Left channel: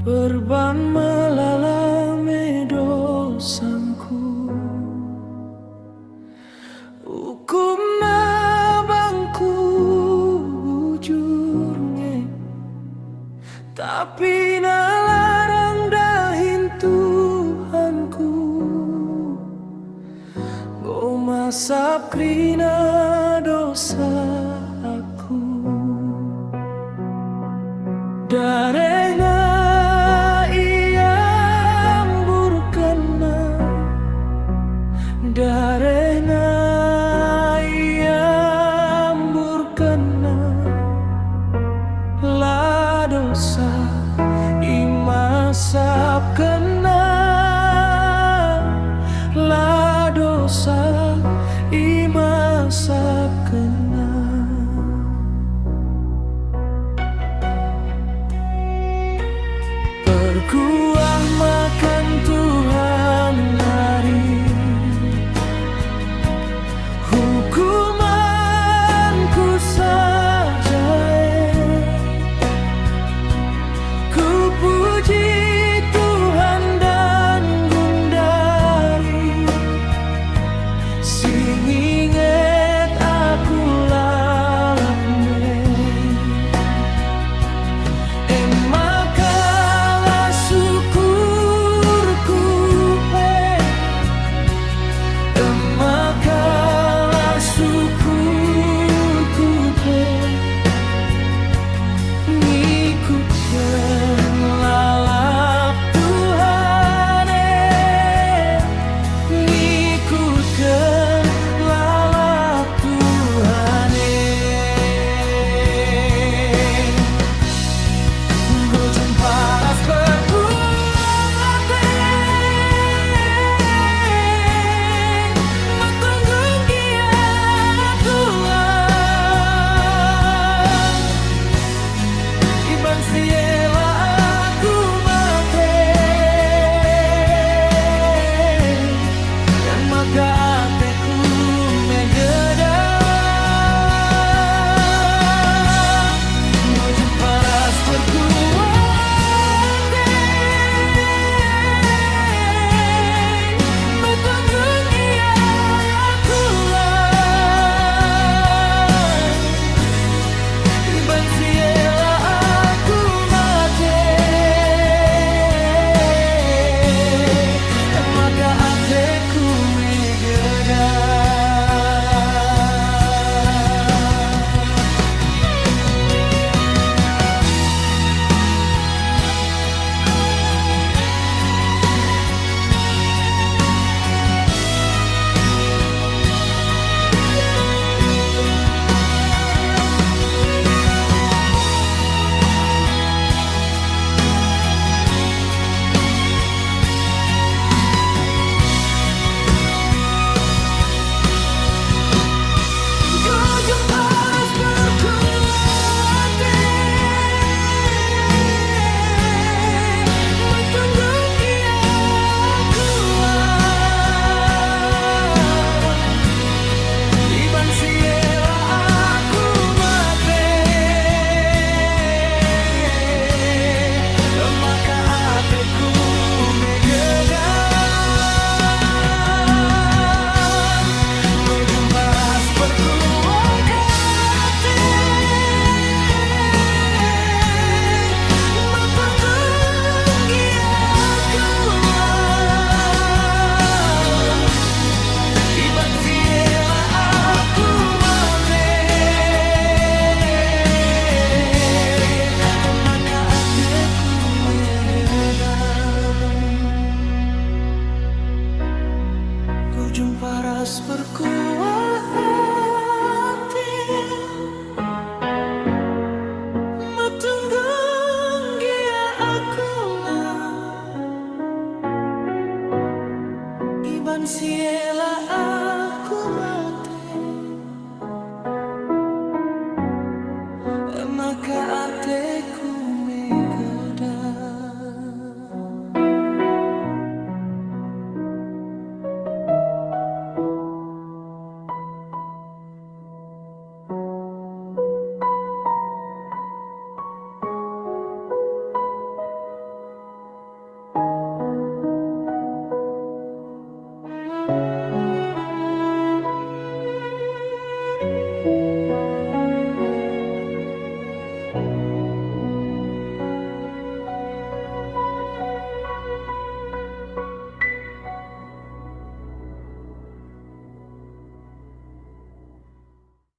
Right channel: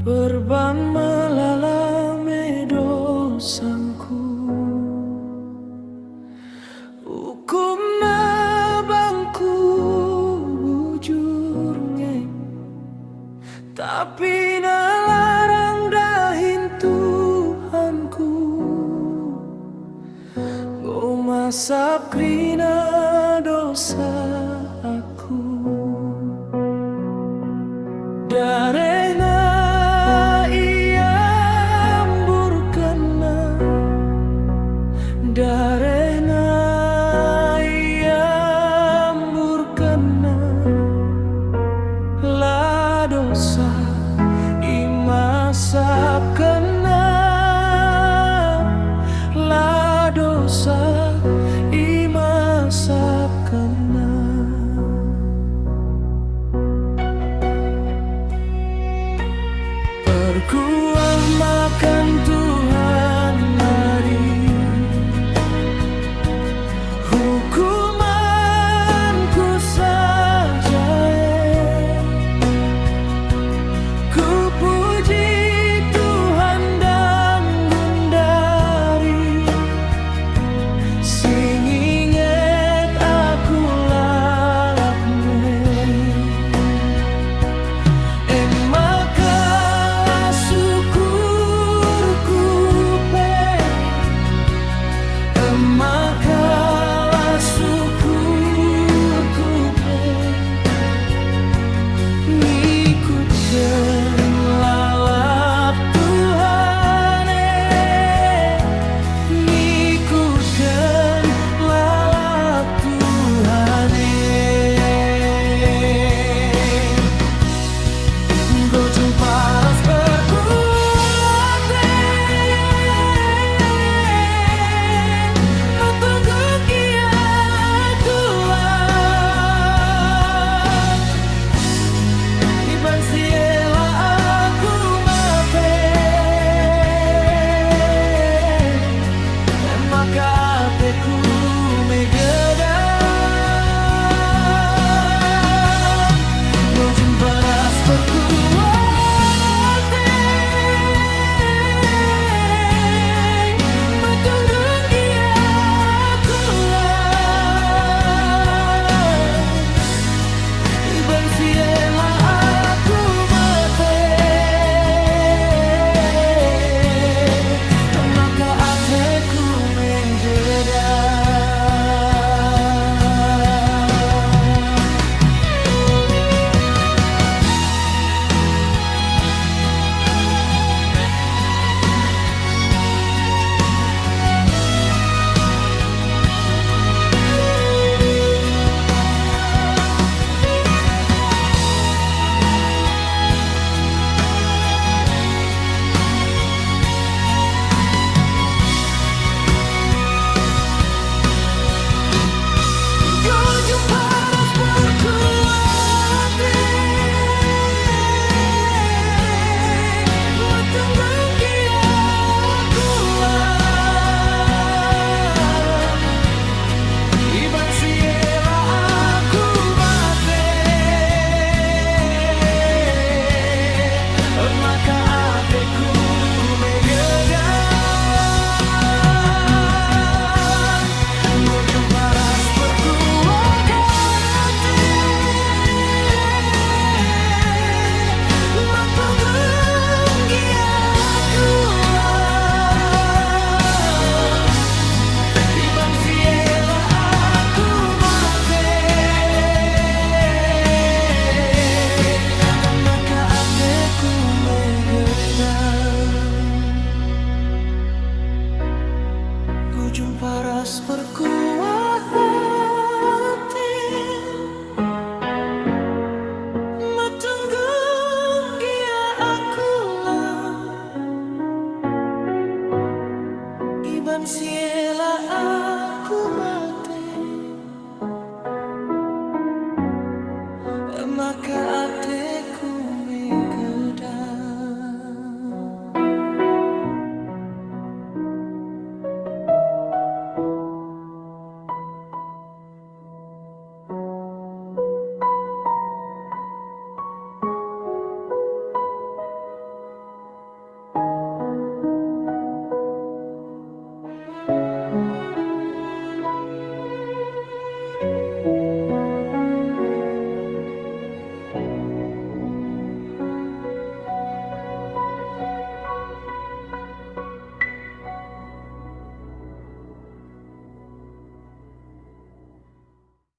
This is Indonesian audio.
Perban melalame dosanku, hukum na bangku bujurnya, tapi nalarang dahin Tuhanku. Go masap krina dosa aku, darena darena iamburkana la dosa imasap kena, la dosa imasap kena. Perkuah makan Tuhan hari, hukumanku saja, ku puji Tuhan dan gundari, sing inget aku lalapne, maka syukurku pe, maka ngikutkan lalap Tuhan, ngikutkan lalap Tuhan. Go jumpa ras berkuat, matunggung giat tulang, iban siela aku mate, maka ateku megedang. Go jumpa ras berkuat, matunggung giat tulang, iban siela aku mate, maka ateku megedang. Ku jumpa ras berkuat hati, matunggung gia aku lah, iban siela aku mate, maka ateku megedang.